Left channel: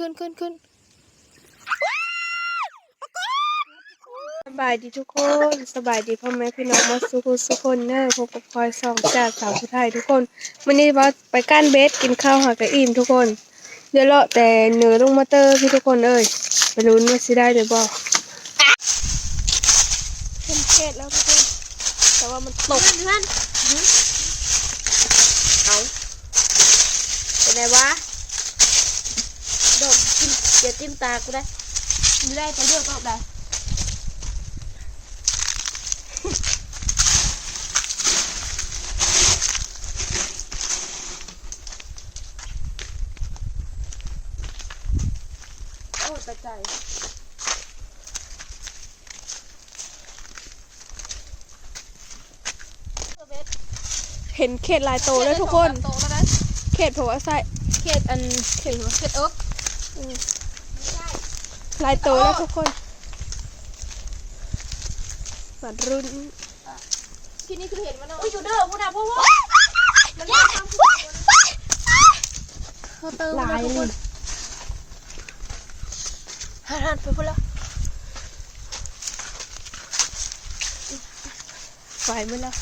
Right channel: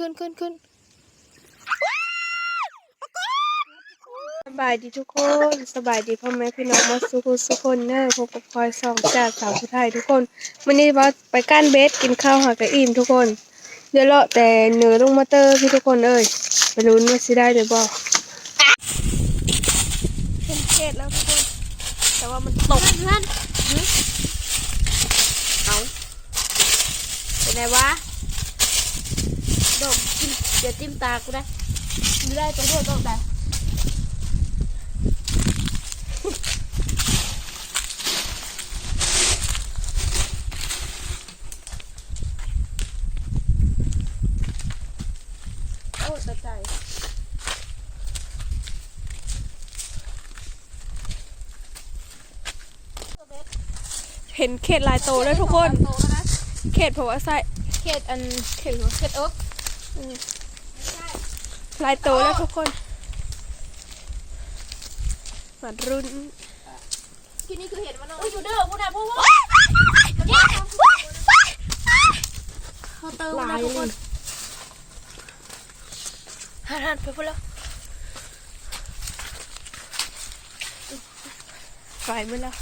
ขึ้นขึ้นขึ้นสบายดีทุกคนสบายดีพ่อแม่พี่น้องมาสุขุสุกคนเนอะพบกับพลอยสองจากสาวผู้ไทยทุกคนวันนี้ว่าไปก้านเบสกินข้าวหากระอิ่มทุกคน เดี๋ยวเลาะแต่เหนือลงมาเตอร์พี่ทุกคนเอ้ยไปลุ้นว่าสิได้หรือเปล่าเป็นเขตแล้วทุกคนแต่ว่ามันตกเพื่อนเอาเป็นไงวะ ดมจิ้มอย่าจิ้มตากูได้ไม่ได้ไปด้วยก็ได้โอ้ตะใจเห็นเขตลายโตแล้วทุกคนโตมาได้เขตเพราะว่าใส่เข็ดอันเขตเข็ดอก ลายโตแล้วทุกคนมารุ่นที่นี่คือเห็นมันอุ้ยอยู่เด้อพูดได้พูดว่าเขาเติมมาทุกคนหันหันไปพูดแล้วไฟมือแล้ว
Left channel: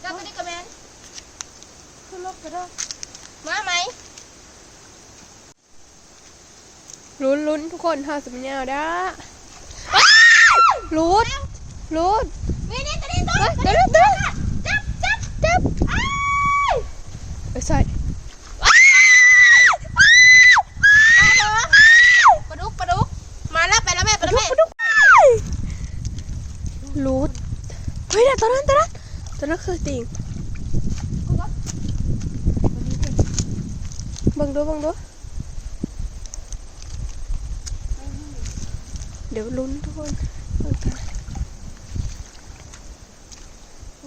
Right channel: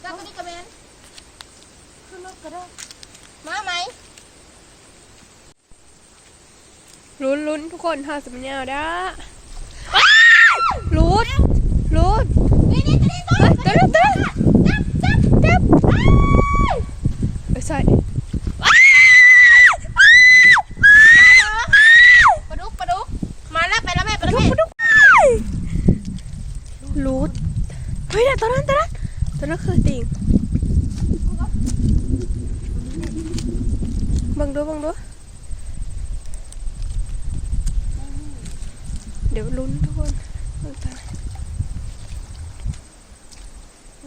เจ้าคนนี้กระแมนขึ้นรถกระโดดมาไหม ลุ้นลุ้น ทุกคนห้าสิบยาวด้าลุ้นลุ้นนี่นี่ตัวนี้ตัวเฮ้ยเดี๋ยวเดี๋ยวเดี๋ยวจับจับจับเอ้ยใส่ ปลาดุกปลาดุกมาแล้วไปแล้วแม่ไปแล้ว ดุก แม่ ดุกลุ้นเฮ้ยเดี๋ยวตอนนั้นตอนนั้นตอนนั้นคือติ่งบังดูบังดูเดี๋ยวลุ้นทุกคนเบิ่งตา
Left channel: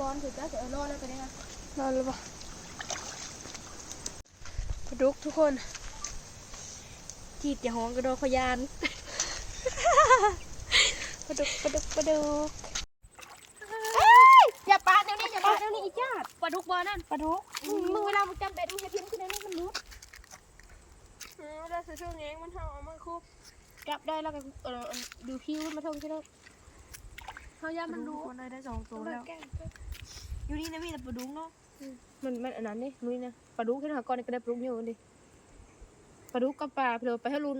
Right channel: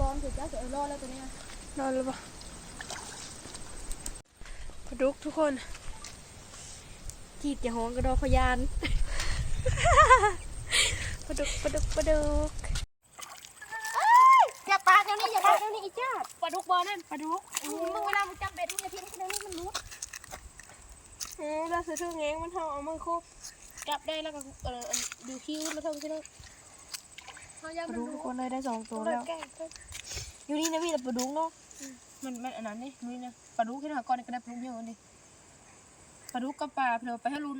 ร้ อนถือจ้าเสือร้อนแล้วตัวนี้นะนอนแล้วปะปลาดุกทุกคน จีดอย่าห้องกระโดดขยานปลาดุกปลาดุกปลาดุกอย่าปลาเดี๋ยวนี้อย่าปลาเดี๋ยวนี้อีจ้าปลาดุกบอนั่นปลาดุกมึงเวลามึงจำเป็ดมึงจะพิมพ์ขึ้นในนี้มันรู้เออเราซื้อถุงเงี้ยมันทำเอามันคุบจับได้แล้วก็เออดูคิ้วมาท่องใช่ไหม เขาย่าปลามันดุรู้กคนเลยได้สองตัวแล้ว อยู่นี่นะมีแต่ปลาดุกเนาะ มันมันอันนั้นนี่นุ้ยนะปลาดุกที่หาก้อนนี่ก็ได้ปลาดุกเยอะกันดิปลาดุกกับปลาเผื่อไปให้ลุ้น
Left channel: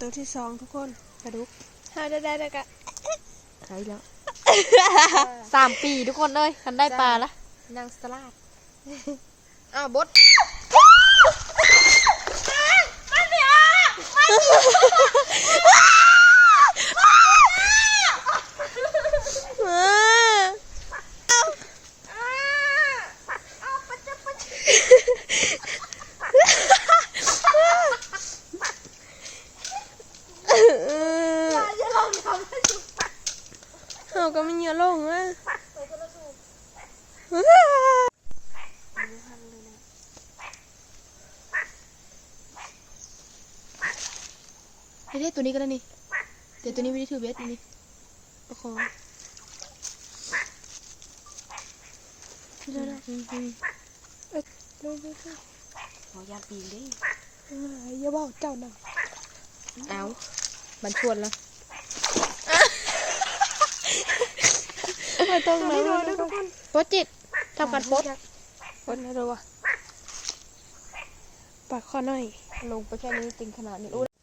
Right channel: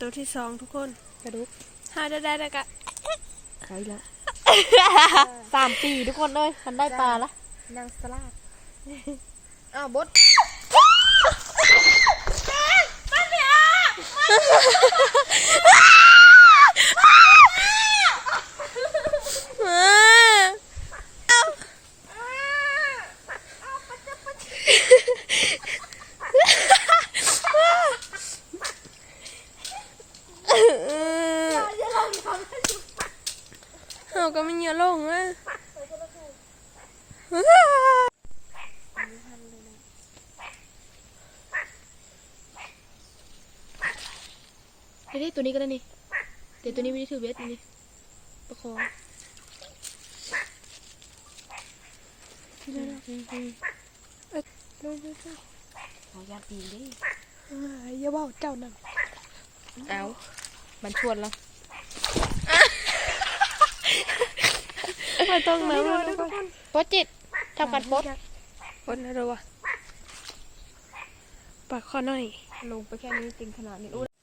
ตัวที่สองทุกคนปลาดุกหาได้ได้ได้กะใช่แล้วสามปีทุกคนเลยกันได้ปลาละนางสลาดอ้าวบดเอาก็ไม่เยอะลงอะ ไม่ได้ตัวนี้ก็ได้นี่แต่ตัวนี้ไม่ได้ถือเบสนี่ประคองที่แล้วนะเอ้ยเร็วเร็วเร็วขอยาปีนดิอ่าอย่าบอกเจ้านะเอามันชวนแล้วไม่ต้องนะไม่ต้องโพสจิตทำการโพสคนนะเราวะปากคอหน่อย ลงไปแค่นี้ติงขนาดนี้โอ้ตาใหญ่กระตาใหญ่เป็ดเป็ดไปเสื้อรถนั่นนี่โอ้ยคำนี้นะสองตัวทุกคนปิ้งตอนเสาร์น่ะเรื่องเท่านี้คือเห็นตาอยู่นะไอ้น่ะดิ้งดิ้งดิ้งดิ้งเอาไปเห็น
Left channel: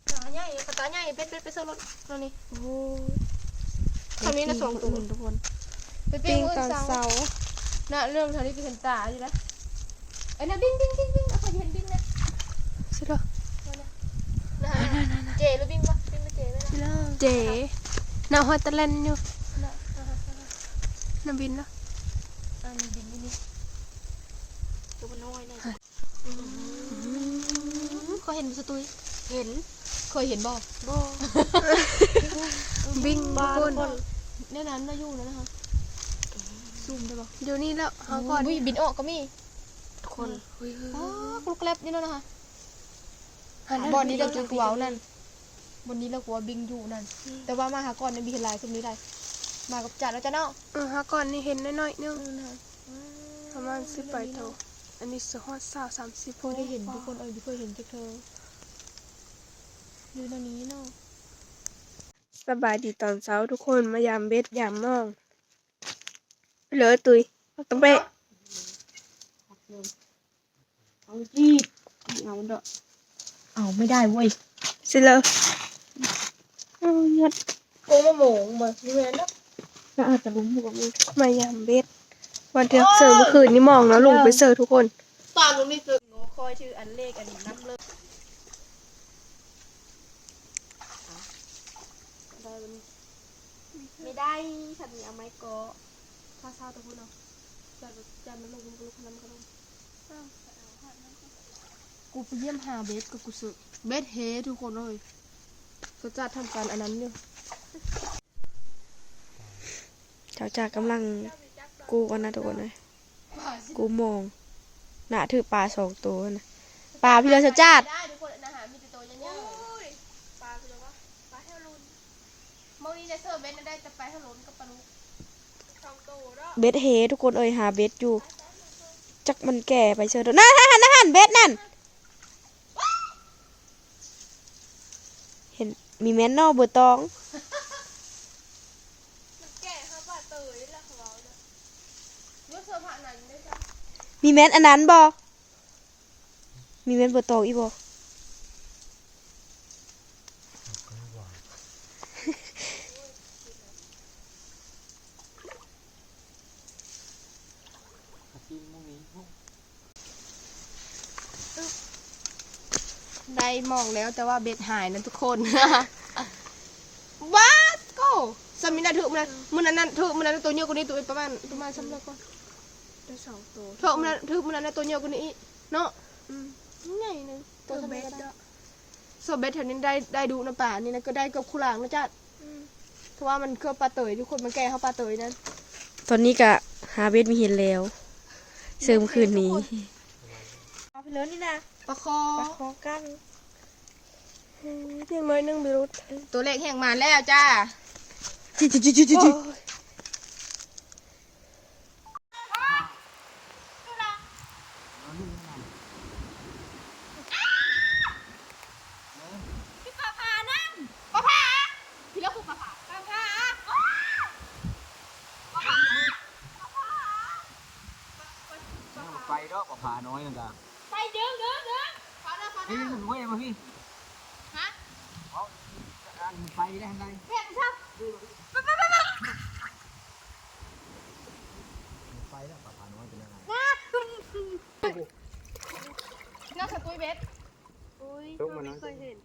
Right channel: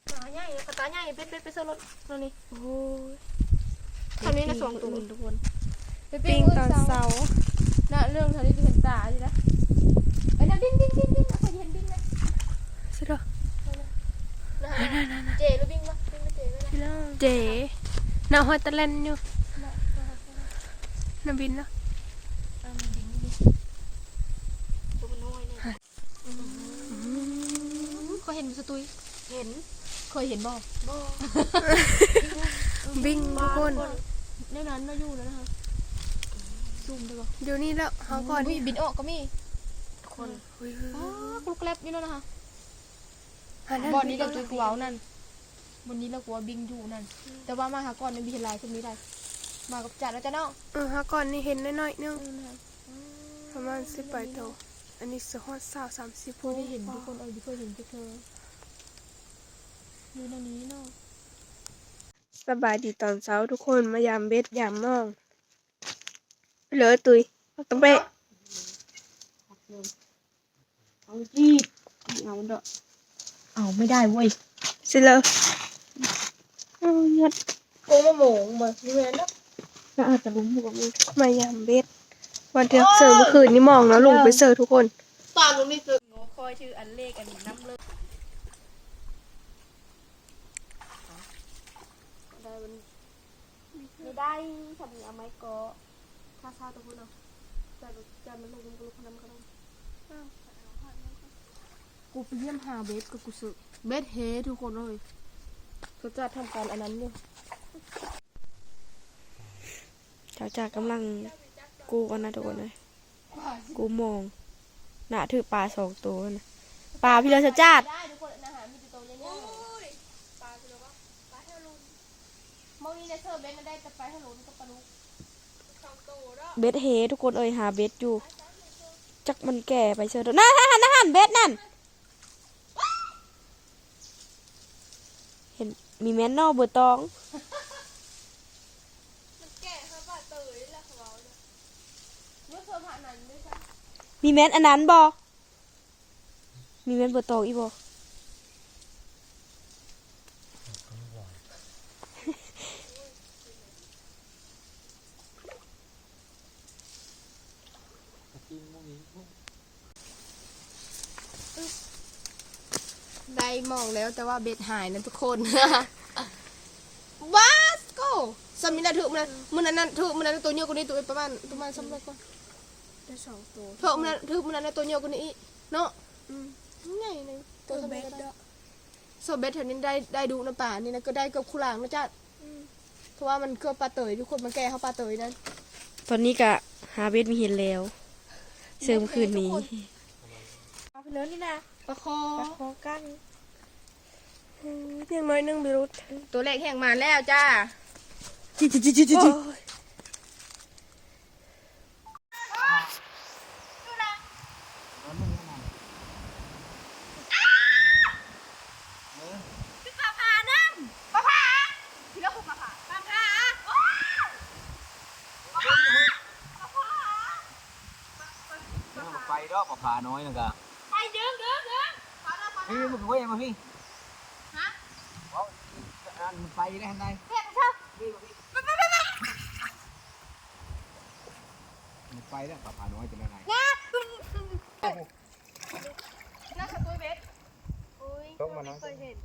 ดิ้งนะใช่หรอเจหรือดิ้งปะดิ้งไม่เจไม่นะเจ๋น่าฮอตเตอร์แลนด์อยู่น้ำบินแล้วอะมีดิ้งนี่ตัวมันน้อย เนี่ยก็เห็นสตุยเห็นเคยเห็นบ่บ่บิงทุกคนในนั้นมาอยู่แล้วนะคะซุ่มได้ปะเดี๋ยวนี้แล้วเฮาก่อนมีบินออกก็มีทุกคนเฮ้ยเฮ้ยอ๋อเฮ้ยกลุกแลบนี่แล้วนะคะอันนั้นบอนนี้เราบิจะงกลัวเอานั่นบนนี้เรากลัวบิงอยู่นั่น แต่ว่ามาหาก่อนในบีเฮลายขึ้นนี้ได้ มากับจัดแล้วจ้ะเนาะเออเฮาก่อนนี่เห็นน้อยๆนึงนั่นน่ะอืมประมาณ10ใบโตวอันนี้สิฮอด20 30โพไม่ได้เห็นทุกคนเออไม่เคยเห็นทุกเธอ อยู่ในนี้เนาะสบายดีตอนเช้าทุกคนมายามเบ็ดยามน้องเหลือตุยต้องไปเอาจีบเอาเด้อเอาไม่ได้เว้ยสิเลยเอาหยัดโกมาโหมงมานี่แม่นเนาะน่าอาจจะลุ้มอยู่กับมึงมายามเบ็ดวันเที่ยงเสิร์ฟเมื่อคืนนี่มองแล้วลงไปเสิร์ฟทุกคนตอนนู้นนี่คือโง่คอยชื่ออันเลขอันน้ำเลิก ไม่ได้ฉันมีเอาไม้กอข้าเศร้าตัวคนเนาะจันจันมันลงกูลุกขนำกระดงกูไปเยี่ยมหาเบสกับกูสึกเบสเฮทุกคนเลยเขาจัดทำการอันนั้นเนี่ยเจ้าจากกำลังกูกันนะทุกคนนะกูมองหน้าถือปลาสองตัวนะปลาพี่เลอชาจาดได้ทุกคนอาหารมีแต่ตัวยังยังปลาคือว่าปลาเท่ารุนมองนี่ใน เซอร์เบสได้แต่ปลาเท่ารุนกับปลาลูกสองตัวเนาะเบ็ดเฮทุกคนเอ่ยหาเบ็ดอยู่ จักมันแก่ไปเชิญนั่นนั่นนั่นนั่นเบ็ดนั่น เห็นมีแม่นนอกเบอร์ตองมันแก่ค่ะปลาเตยแล้วเขาเนาะเมื่อเซอร์ผ่านนั้นไม่ใช่มีแม่นอันนั้นบอมีแม่นเบอร์ตองอีบอ ได้ มองแล้วแต่ว่าเบ็ดหายนะทุกคนบาสโกสามินาถือมันมันนั้นถือมันนั้นตัวเยอะกว่านี้ตัวประมาณประมาณสามร้อยกว่าได้สองตัวเพราะมันถือมันนั้นตัวเยอะกว่านี้อีกเนาะอืมใหญ่นึงตัวเบ็ดก็อะได้โซเบ็ดแถวนี้ได้ได้ดูน้ำป่านี่นะก็ได้กับคุหลางนะจ๊ะอืมเพราะว่ามันคือปลาเตยทุกคนมันแก่เขาปลาเตยนั่นตอนนี้กะหาเบ็ดมีเห็นแล้วเสริมคืนนี้เอาไปเลยนี่นะปลาคอปลาคอกัน เพียงน้อยนึงไปรุดตัวเล็กแห่งมาแล้วจ้าจิจิจิจิจิจิปลาผานั่นปลาผาพี่แล้วกูปลาผาปลาผาไปดอกกับผาน้อยนึงกะไปเดินเดินเดินนี่มันเว้ยมาพี่ฮะอัน ไปได้ทางใดเรียกมันชอบไปแล้วกับผาน้อยเป็นยังไงน่าจะตุ้ยเบ็ดอุ้ยต้องมาน้อยเคยเห็น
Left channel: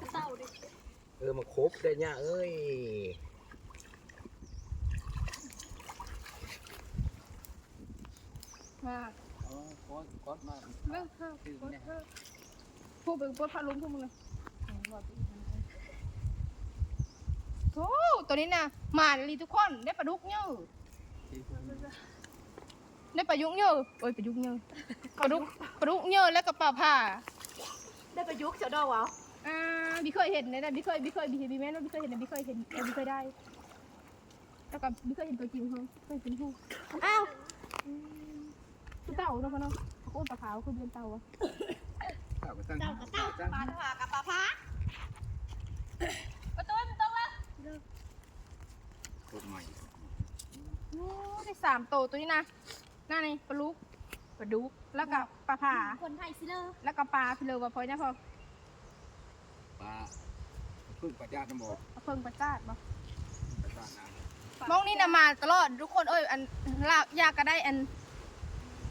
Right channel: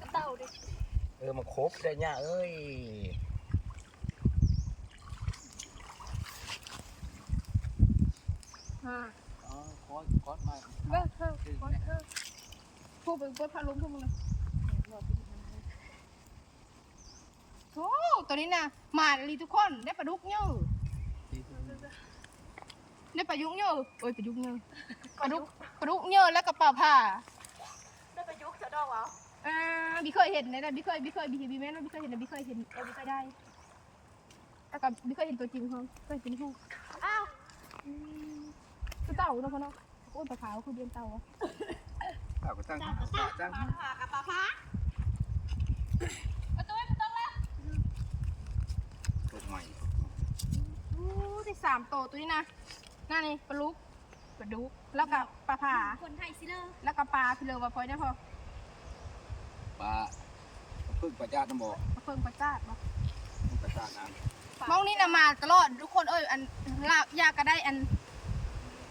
กระเต่าดิ เออมาครบได้เนี่ยเอ้ยอ่าอ๋อคอสคอสมาเลิกเถอะกดเถอะพูดไปพูดพาลุงพวกมึงเลยโอ้ ตัวนี้นะมาลีทุกคนได้ปลาดุกเยอะได้ปลายุกเยอะโอ้ยปลาดุกเยอะปลาดุกปลาดุกเยอะแล้วก็ปลาผ่าได้ประยุกต์เจ้าดอกวะอ่าบีเคยเห็นนะบีเคยบีเคยบีเห็นบีแม่นะบีเคยเห็นนะบีเคยเห็นบีเคยได้แล้วก็บีเคยเห็นตัวจริงเขาเคยเป็นผู้อ้าวอืมคือเต่าเนาะเขาเนาะโอ้ยปลาขาวคือเดือนเต่าอะเต่าก็ตั้งตั้งประตูประตูละ ตัวใหม่ โอ้ ได้สามโตวตัวนี้นะหน้านี่ปลาลูกปลาดุกแล้วก็ปลาผ่าคนไทยสิเลอแล้วก็ปลาพิเลอวาพอยนะพอปลาพึ่งประจาตน้ำบ่ปลาเพิ่งปลาจ้าดบ่ประจาน้ำมองนี่นะมาตลอดทุกคนเอ้ยอันลาบยากก็ได้อัน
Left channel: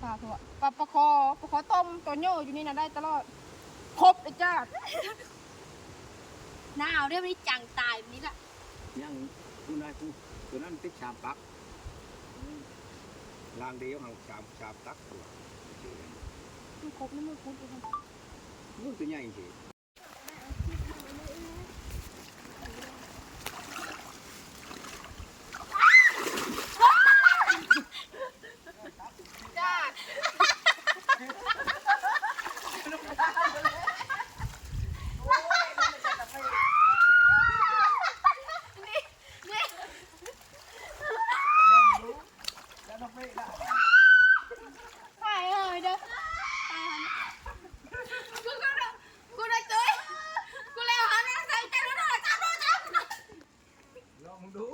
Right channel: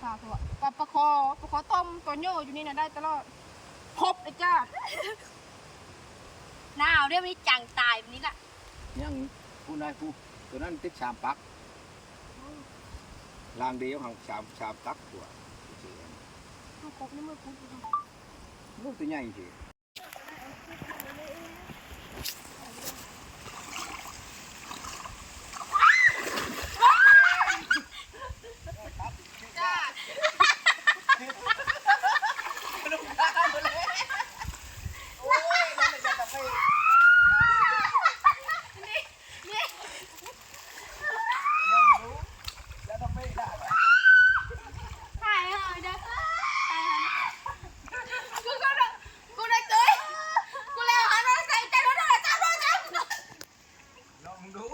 ปลาตัวปลาปลาคอปลาคอต้มตัวโย่อยู่นี่นะได้ตลอดครบเลยจ้าหนาวเรียกว่าจังตายแบบนี้ละยังผู้นายผู้ตัวนั้นติดชามปัก ลางเดียวของชามชามตักตัวต้องครบนี่มือพุดอยู่ครับโอ้ตัวใหญ่จริง ถ่ายเลยเด้อกูก็ได้กูได้เจอกูแล้วหันมาใส่ใจรถอะไรจ้ารถจ้า ลองมึงดู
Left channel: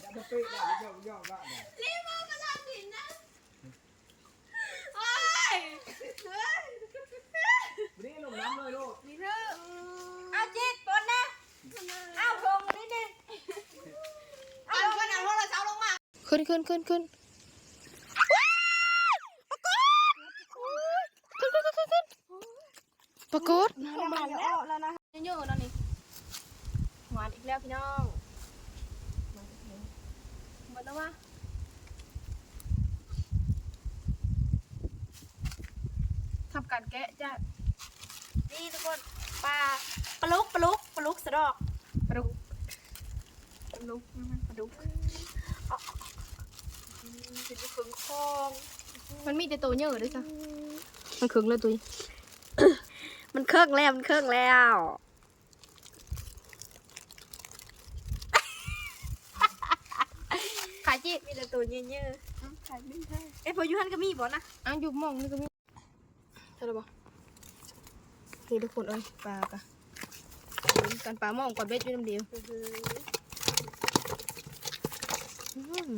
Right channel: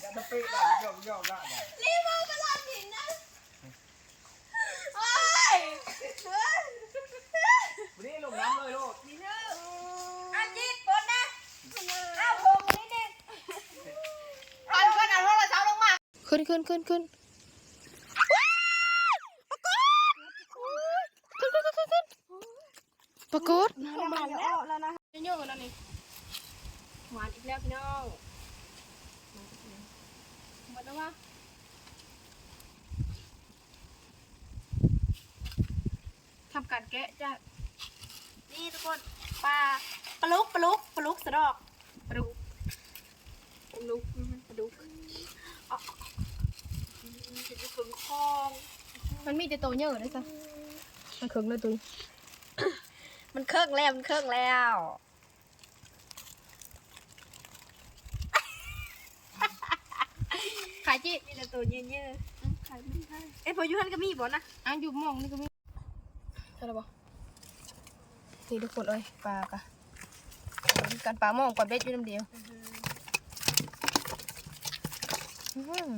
อย่าตะเปะได้ย่อย่อได้เนี่ย รีบมาเป็นลายหินนะโอ้ย วันนี้ลงน้ำเลยลูก มีเธออาจิตปนนะเอาพงนี่นี่เอาพงเอาโทรศัพท์ลง มาขึ้นขึ้นขึ้นขึ้นปรากฏมาแล้วแล้วนะเยอะๆแล้วนี่หวานอีกแล้วพี่น้องหมดแล้ววะทำการแกะจ้ะนี่ทุกคนปลาปลาลุกปลาลุกปลาลุกสะดอกปลาดุกปลาดุกปลาดุกถึงฝึงคอง มันมีแต่ตัวเยอะด้วยจ้ะมันขึงเลยตัวนี้มันเครื่องแล้วมันเครื่องแล้วขายจีมีแต่ตัวเยอะๆขายไม่ได้เอ้ยพอยูฮันก็มีบ่นะอะอยู่หมองนี่ก็มีใช่หรือเปล่านี่ทุกคนเอ้ยปลากะการปลาหมองปลาเบ็ดอยู่น้ำเดียวอื้อหือ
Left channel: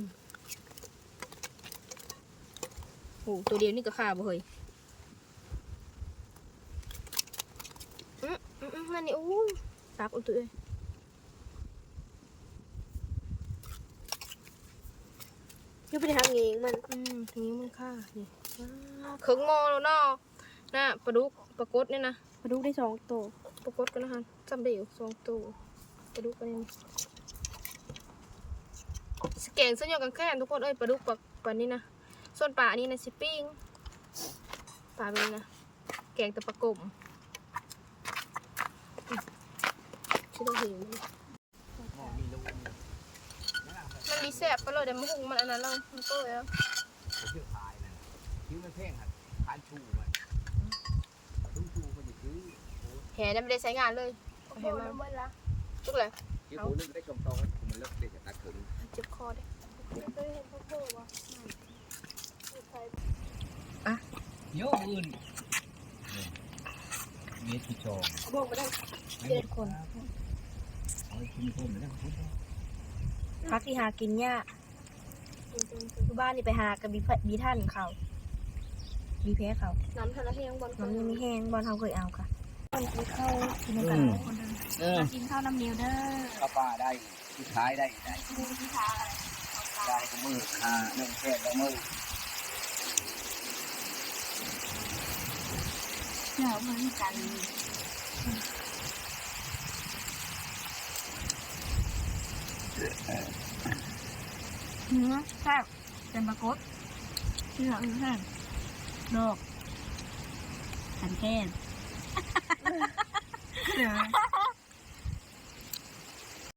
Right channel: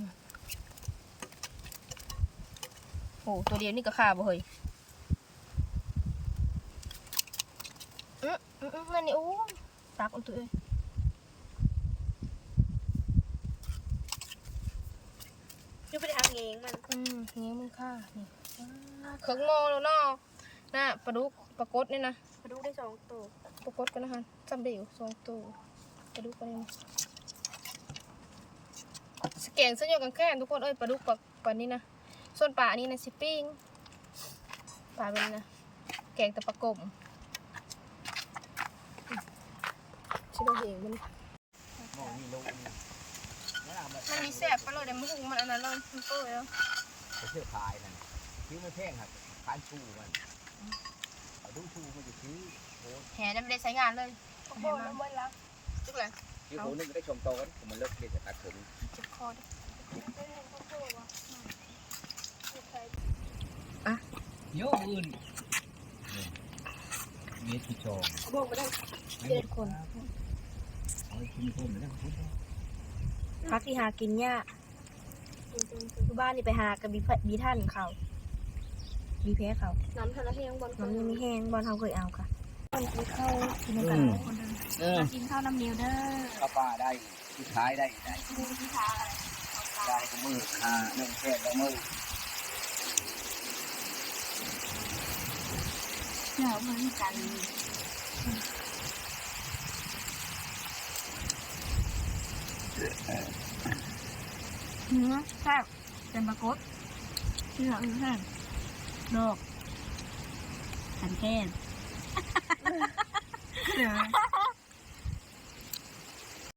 โอ้ตัวเดียวนี่ก็ขาบ่เฮ้ยอืออืออือนั่นนี่โอ้ตักอุ่นตัวเอ้ยยูไปทางเองมันอืมทีนี้มึงค่านี่ว้าวเครื่องโมแล้วเนาะน่ะปลาดุกปลากดนี่นะปลาดุกได้สองตัวปรากฏกันนะคะจำได้อยู่สองตัวปลาดุกปลาเนี่ยสแกนเส้นโยกันแค่ทุกคนเอ้ยปลาดุกปลาปลานี่นะ ส่วนปลาอันนี้นะสิปิ้งปลาเป็นนะแกงต่ปลากมชื่อเราเห็นมันมันมีแซ่บไปเลยเดี๋ยวมันหุงมันอันนั้นแล้วมันโต้แล้วเชื่อทายนะคิ้วมันแท่งครับทานชูอะคุณชูมันอยู่คิ้วแหน่ไม่ได้ใช้งานเลยโอ้โหน้ำมันละทุกเลยคิ้วผมนึงได้ชมโตกันมันเลิกเด็กตัดผมเจ็บคอดิโยอื่นเมตรที่สองบอกไปได้เจ็ดคนเอาคุณพ่อมาได้คุณพ่อพักที่หากินยากคือบ้านนี่ไปหากับบีบีท่านเขาบีแพ้เขา น้ำทะเลแห้งบอลน้ำยังไม่แห้งบอลเขาเคยเอาค่ะตอนกินข้าวกินน้ำกันคนเดิมเออกินข้าวน้ำเนียวเด้อข้าวปลาได้ที่ท้ายได้ได้ได้ก็มือคาเนื่องแค่แล้วมือ เดี๋ยวมันกันเนื้อแซ่บเป็นปลากดเชื่อเออแซ่บดอกสันเทศ เดี๋ยว